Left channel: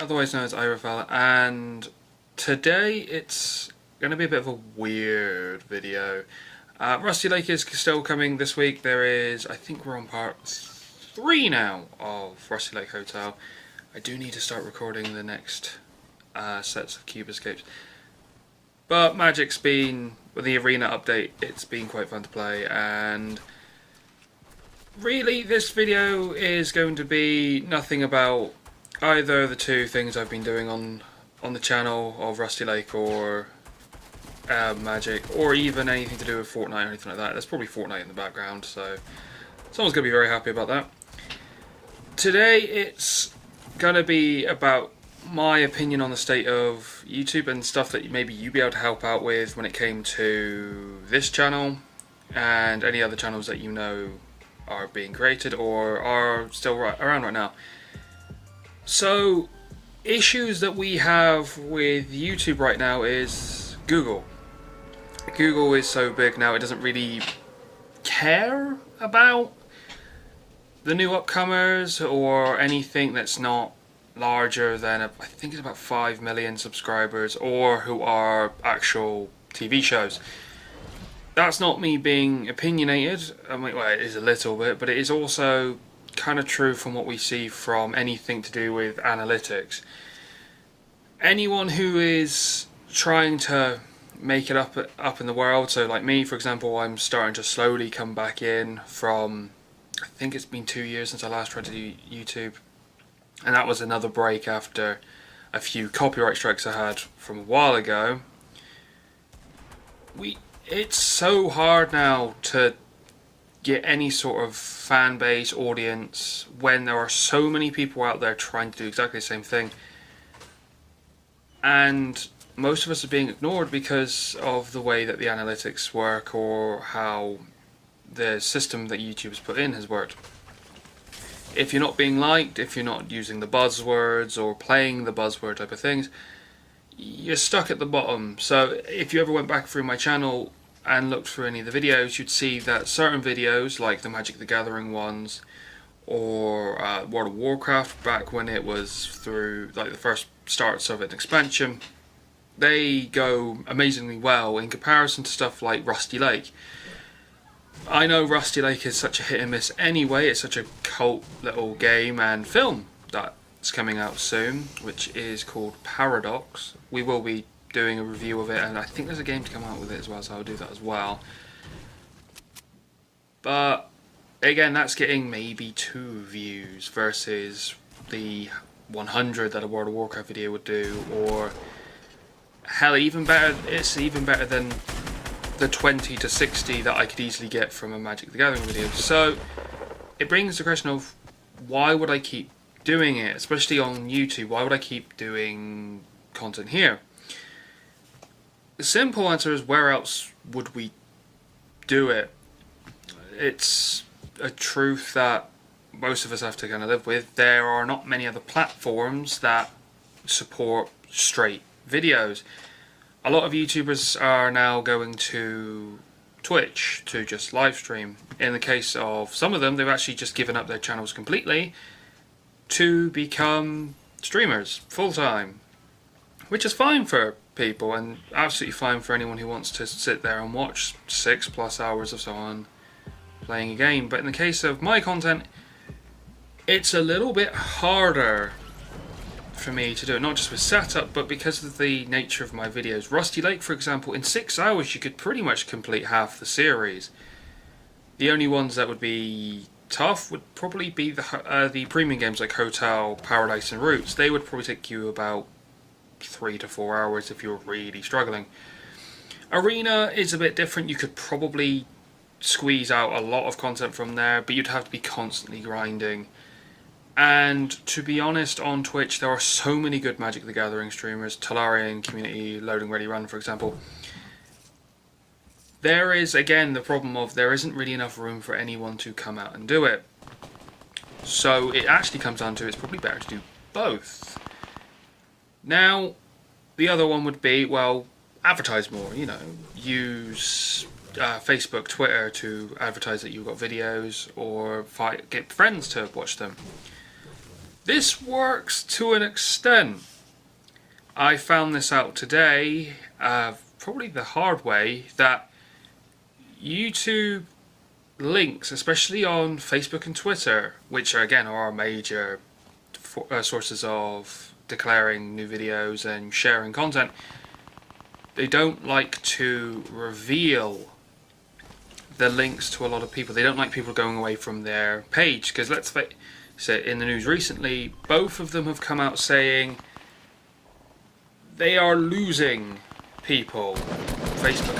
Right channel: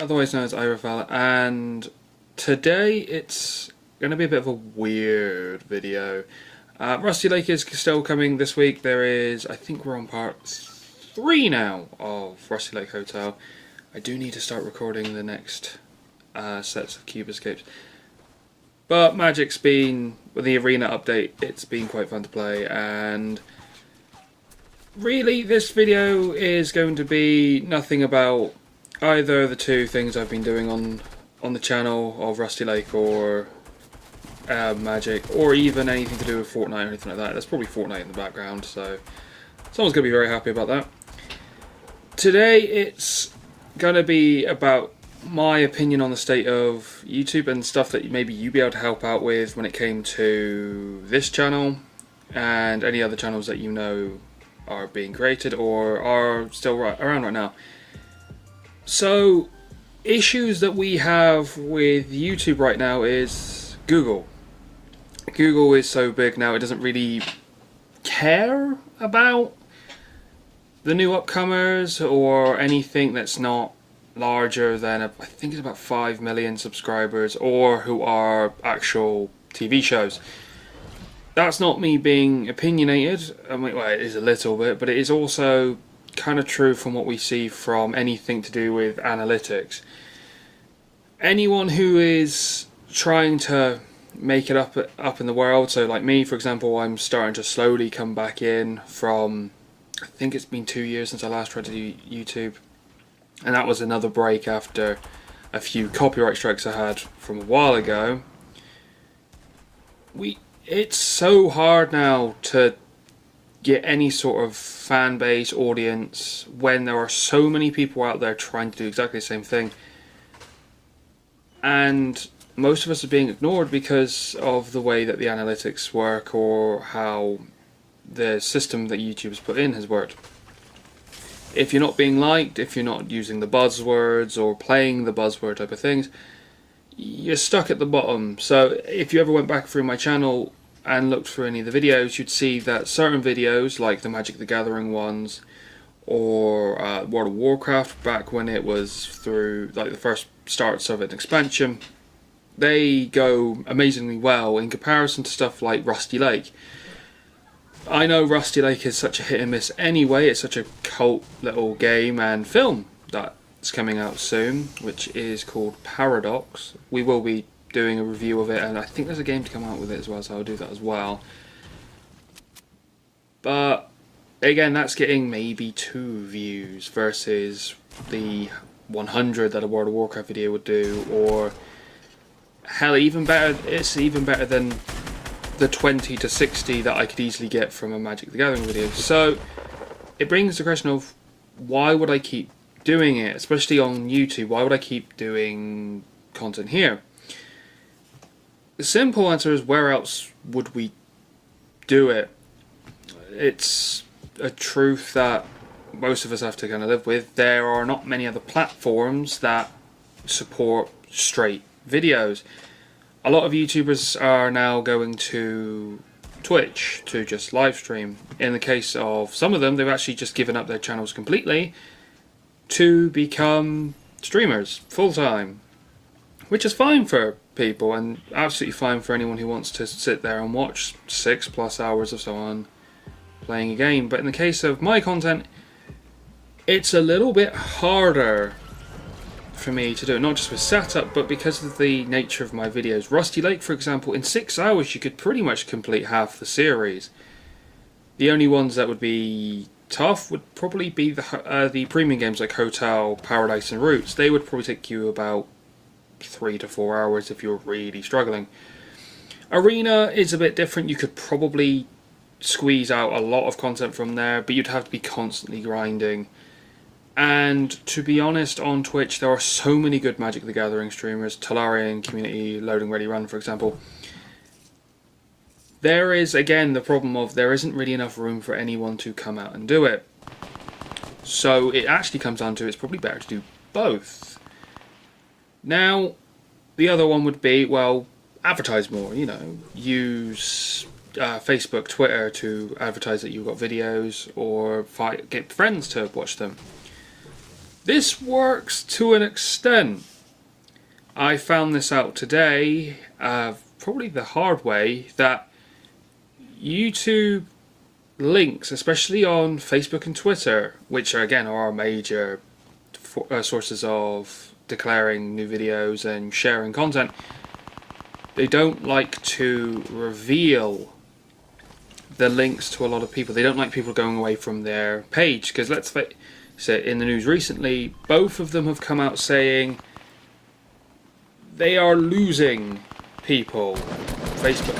Otherwise known as Irafel, and today it's going to be a bit of a weird video. Rusty Lake is still coming this week. There is, I think we're on part 3 now of Rusty Lake Hotel. I do need to start recording the next sets of Cube Escapes. But Magic's been, with the arena update, it's been quite fun to play, and really this video is going to be nothing about either of the two things I've been doing on the channel of Rusty Lake or Magic, or even anything to do with Fortnite or anything like that. There's probably Fortnite in the background, so someone's going to be very happy about that. Today it's going to be about my opinion on the state of YouTube and stuff that maybe you'd be able to help out with when it came to this channel and any other channels that you know are being created or are still around right now. So, issues that we have with YouTube right now is Google. Google is so big now, it doesn't really care about the new upcomers or anything that's not larger than, I think it's about 5 million subscribers, or who are actual TV shows. That's not me being opinionated. I mean, well, it is a little bit, but it is also kind of true from what we see from anything to do with analytics. Anyone who is trying to make it up in the world, so like me for example, I'm starting to slowly come back in from, I think it's been 2 years since I last tried to do YouTube, and that was another break after a few copyright strikes I had from a while ago. It's so hard now to get any sort of fan base, audience, when there are so many people out there trying to do exactly the same thing. And most of us are being ignored because of the way that the analytics work, or how the system that YouTube has put in has worked. If you're not being liked, if you're not using the buzzwords or playing the buzzword type of things, you're stuck at the bottom. So if you ever went back through my channel and looked through any of the videos, you'd see that certain videos, like the Magic the Gathering ones, or World of Warcraft, back when it was through like the first starts of an expansion, they go amazingly well in comparison to stuff like Rusty Lake. I know Rusty Lake is such a hit and miss anyway. It's such a cult little game and film that's coming out soon, which is called Paradox. We will be doing a review of it, and I think there's a game to come out with it as well, so I'll do that as well. But again, that's getting maybe 2 views versus the 100 that a World of Warcraft video would do, or hell, even better. It's even better than the 20 to 60 that I could easily get from a Magic the Gathering video. So it brings the question of, why would I keep doing it, especially on YouTube? Why would I keep doing content here? The simple answer is, where else would we do it? It's a truth that most of us have to kind of live with. There are not many other platforms that support straight videos. A lot of YouTubers are now going to Twitch to just live stream. In the case of some of them, they've actually just given up their channels completely to become streamers full time, which is fine for people and absolutely fine for anyone who wants to sit there and watch 6+ hours of someone playing a game. But in the case of my content, it's a little bit harder for me to do it, not just with setup, but because of the nature of my videos. Rusty Lake, for example, in 6 hours you could pretty much complete half the series. The only ones that would be tough would probably be the premium games like Hotel, Paradise and Roots. They would probably take you about 3 to 4 hours if you're really struggling. Arena is a bit different. You could probably squeeze out a lot of content from there, but you'd have to be constantly grinding. And to be honest, on Twitch there are so many good Magic the Gathering streamers, Talarian, Community, Loading Ready Run for example. There is again the problem of there isn't really enough room for anyone to come out and do it. So it actually comes down to, it's probably better to do both. Now, the other one would be, well, advertise more, you know, use Facebook, Twitter to advertise that you've got videos, or get friends to watch them. This works to an extent. I found this out today, probably the hard way, that YouTube links, especially on Facebook and Twitter, which again are our major sources of declaring new videos and sharing content, they don't like to reveal the links to a lot of people. They don't like people going away from their page, because let's face it, in the news recently, both of them have come out saying they are losing people. Facebook,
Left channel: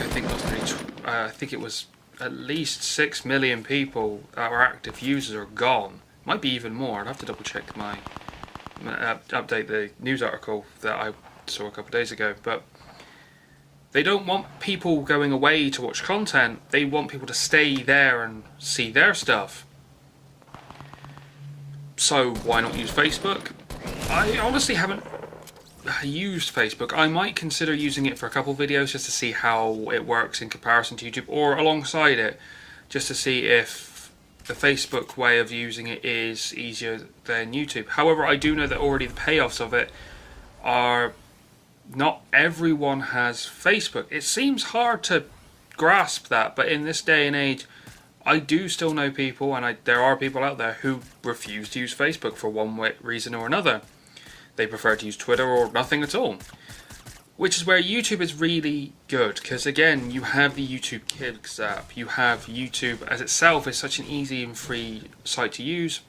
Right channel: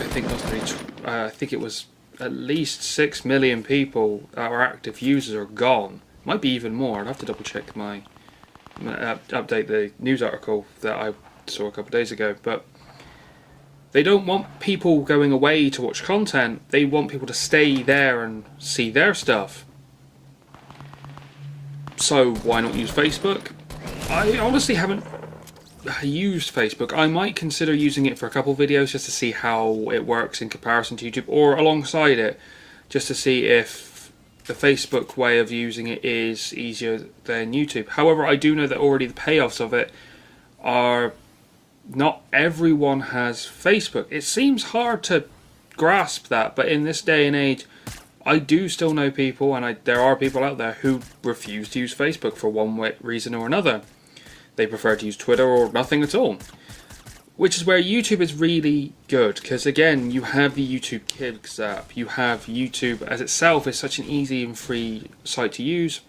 I think it was at least 6 million people, our active users, are gone. Might be even more. I'd have to double check update the news article that I saw a couple of days ago. But they don't want people going away to watch content. They want people to stay there and see their stuff. So why not use Facebook? I honestly haven't used Facebook. I might consider using it for a couple of videos just to see how it works in comparison to YouTube, or alongside it, just to see if the Facebook way of using it is easier than YouTube. However, I do know that already the payoffs of it are, not everyone has Facebook. It seems hard to grasp that, but in this day and age, I do still know people, and there are people out there who refuse to use Facebook for one reason or another. They prefer to use Twitter or nothing at all. Which is where YouTube is really good, because again, you have the YouTube Kids app. You have YouTube as itself is such an easy and free site to use.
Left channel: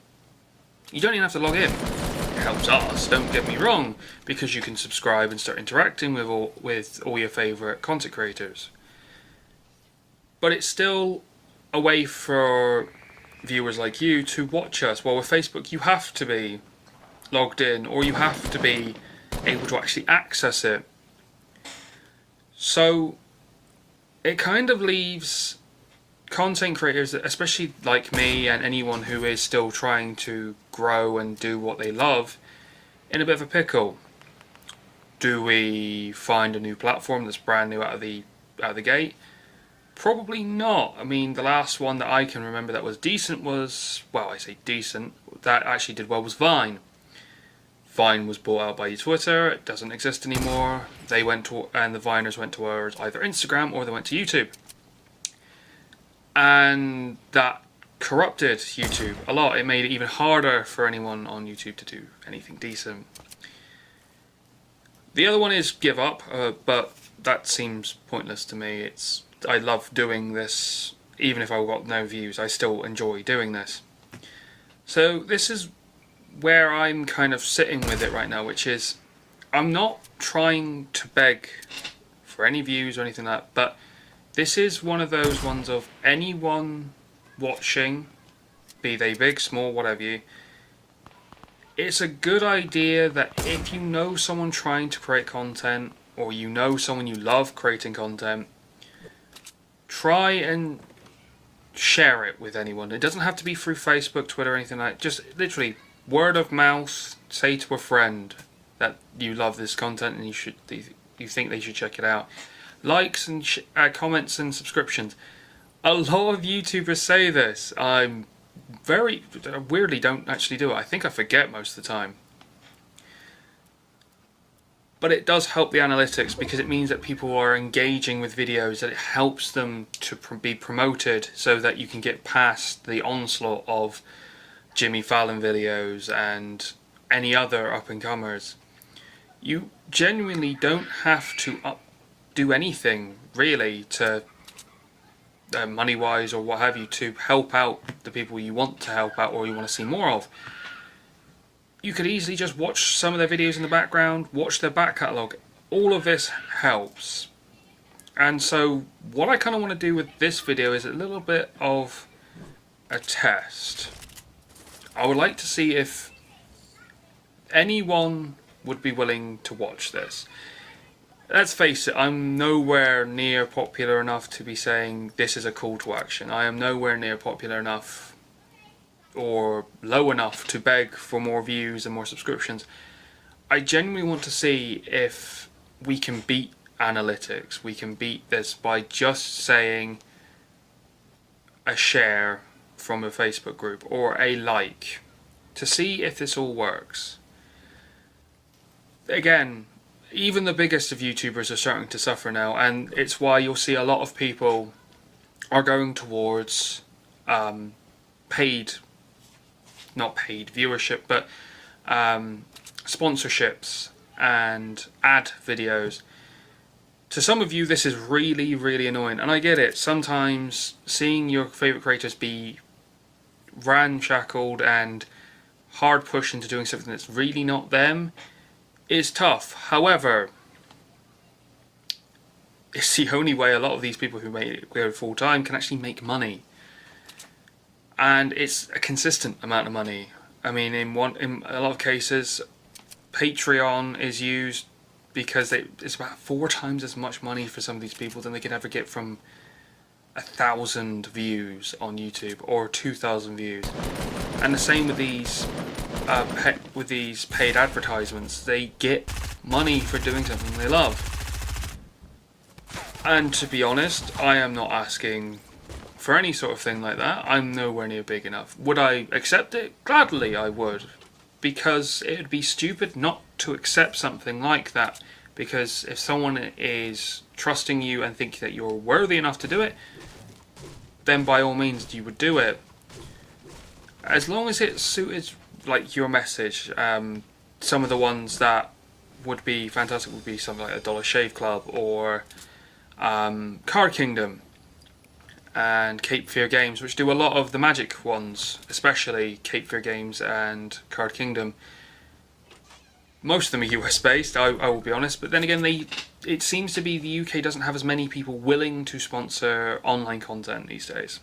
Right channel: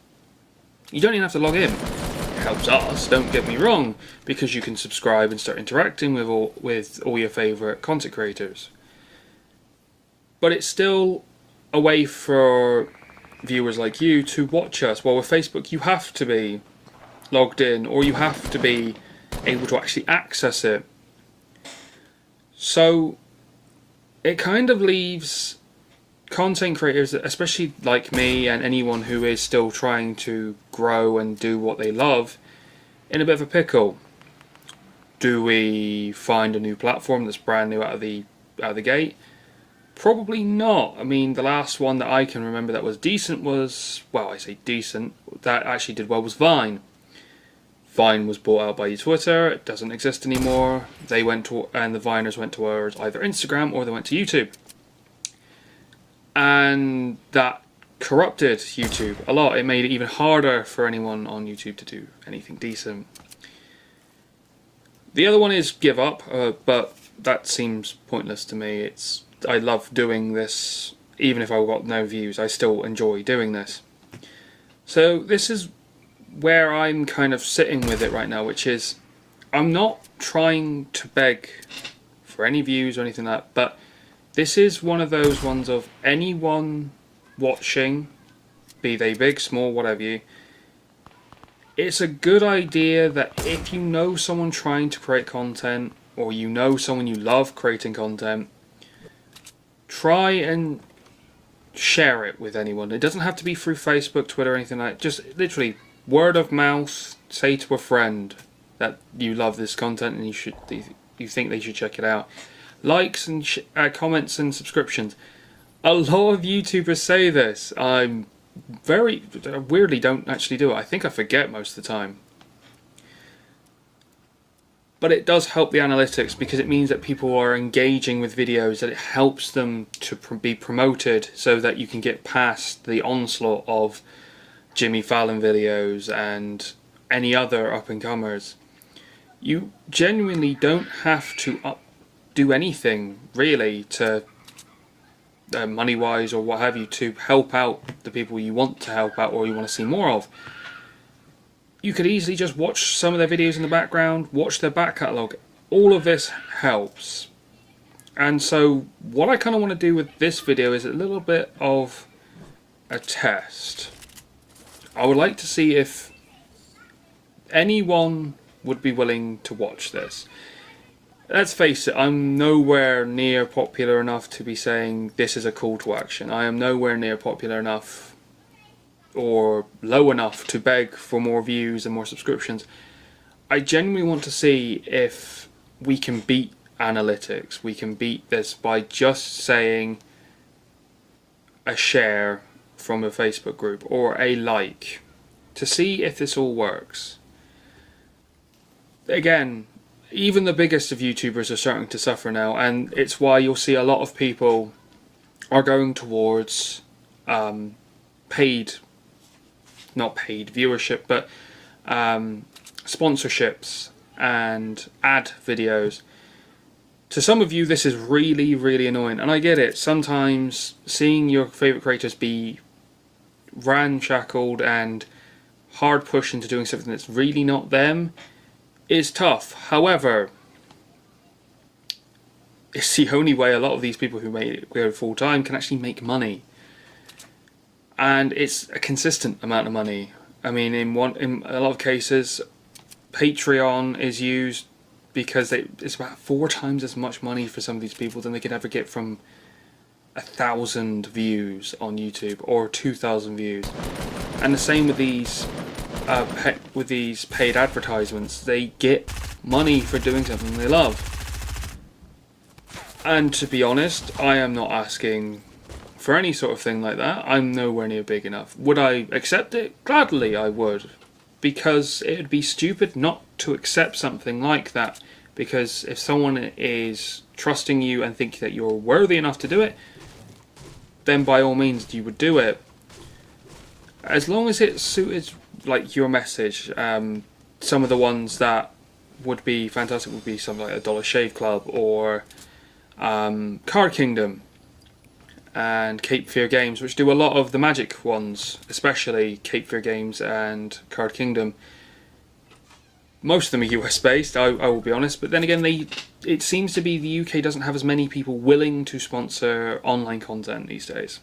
You don't even have to log in. It helps us, don't get me wrong, because you can subscribe and start interacting with all your favourite content creators. But it's still a way for viewers like you to watch us. While with Facebook, you have to be logged in, or you have to be able to actually access it. So it kind of leaves content creators, especially like me and anyone who is still trying to grow and do what they love, in a bit of a pickle. Do we find a new platform that's brand new out of the gate? Probably not. I mean, the last one that I can remember that was decent was, well, I say decent, that actually did well, was Vine. Vine was bought out by Twitter. It doesn't exist anymore. And the Viners went towards either Instagram or they went to YouTube. And that corrupted YouTube a lot. It made it even harder for anyone on YouTube to do anything decent. The other one is Give Up, but that seems pointless to me. I love doing this, even if I've got no views. I still enjoy doing this. So this is where I'm kind of sitting with it right now, which is I'm not trying to beg for any views or anything like that, but this is one of those ones of anyone watching, be they big, small, whatever it's a good idea that if you know someone trying to create content, or you know someone you love creating content, try and share it with anyone. It doesn't have to be through Facebook, Twitter, or anything like that. Just literally word of mouth. Say to a friend that you love this content and you think they should check it out. Likes and comments and subscriptions. A lot of YouTubers say this. I'm weirdly don't actually do it. I think I forget most of the time. But it does help the analytics, because it means that people are engaging with videos, that it helps them to be promoted so that you can get past the onslaught of Jimmy Fallon videos and any other up-and-comers. You genuinely don't have to do anything, really, to money-wise or what have you, to help out the people you want to help out or you want to see more of. You could easily just watch some of their videos in the background, watch their back catalogue. All of this helps. And so what I kind of want to do with this video is a little bit of a test. I would like to see if anyone would be willing to watch this. Let's face it, I'm nowhere near popular enough to be saying this is a call to action. I am nowhere near popular enough or low enough to beg for more views and more subscriptions. I genuinely want to see if we can beat analytics. We can beat this by just saying a share from a Facebook group or a like. to see if this all works. Again, even the biggest of YouTubers are starting to suffer now, and it's why you'll see a lot of people are going towards paid, not paid viewership, but sponsorships and ad videos. To some of you, this is really, really annoying, and I get it. Sometimes seeing your favourite creators be ramshackled and hard pushed into doing something that's really not them is tough. However, it's the only way a lot of these people who make it go full time can actually make money, and it's a consistent amount of money. I mean, in a lot of cases, Patreon is used because it's about 4 times as much money for some of these people than they could ever get from 1,000 views on YouTube or 2,000 views. And the same with these paid advertisements. They get money for doing something they love. And to be honest, I am not asking for any sort of thing like that. I'm nowhere near big enough. Would I accept it? Gladly I would. Because it would be stupid not to accept something like that. Because if someone is trusting you and think that you're worthy enough to do it, then by all means you would do it. As long as it suited like your message. Some of the ones that would be fantastic would be something like a Dollar Shave Club or Card Kingdom and Cape Fear Games, which do a lot of the Magic ones, especially Cape Fear Games and Card Kingdom. Most of them are US based, I will be honest, but then again, it seems to be the UK doesn't have as many people willing to sponsor online content these days.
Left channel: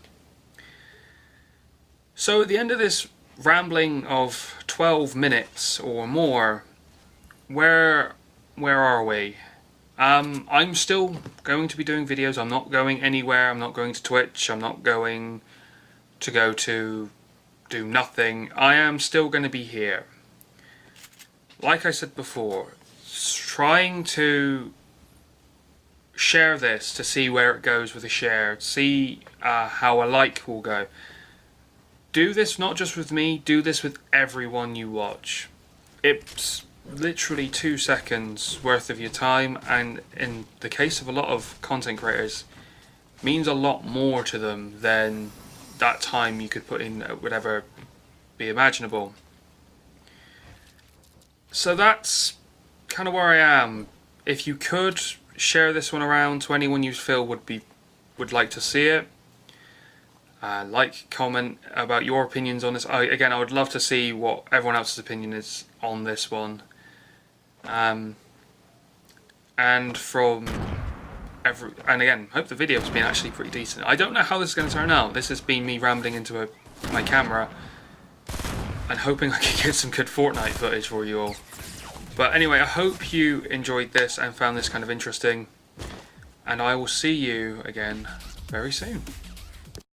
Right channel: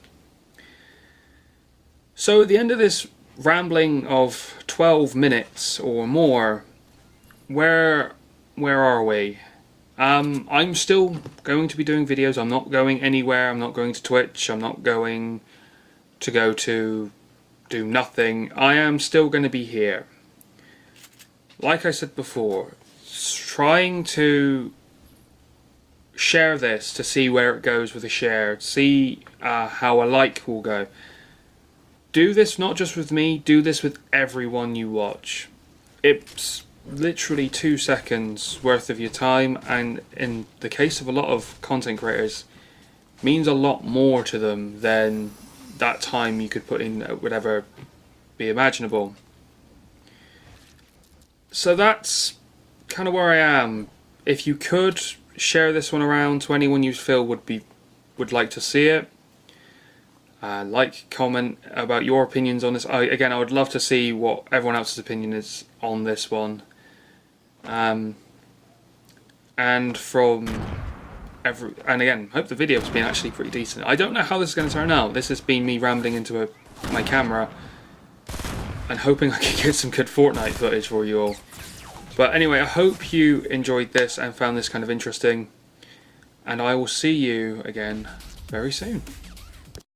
So at the end of this rambling of 12 minutes or more, where are we? I'm still going to be doing videos. I'm not going anywhere. I'm not going to Twitch. I'm not going to go to do nothing. I am still going to be here. Like I said before, trying to share this to see where it goes with a share, see how a like will go. Do this not just with me, do this with everyone you watch. It's literally 2 seconds worth of your time, and in the case of a lot of content creators, means a lot more to them than that time you could put in would ever be imaginable. So that's kind of where I am. If you could share this one around to anyone you feel would like to see it, comment about your opinions on this. I would love to see what everyone else's opinion is on this one. And again, hope the video's been actually pretty decent. I don't know how this is going to turn out. This has been me rambling into my camera and hoping I can get some good Fortnite footage for you all. But anyway, I hope you enjoyed this and found this kind of interesting, and I will see you again very soon.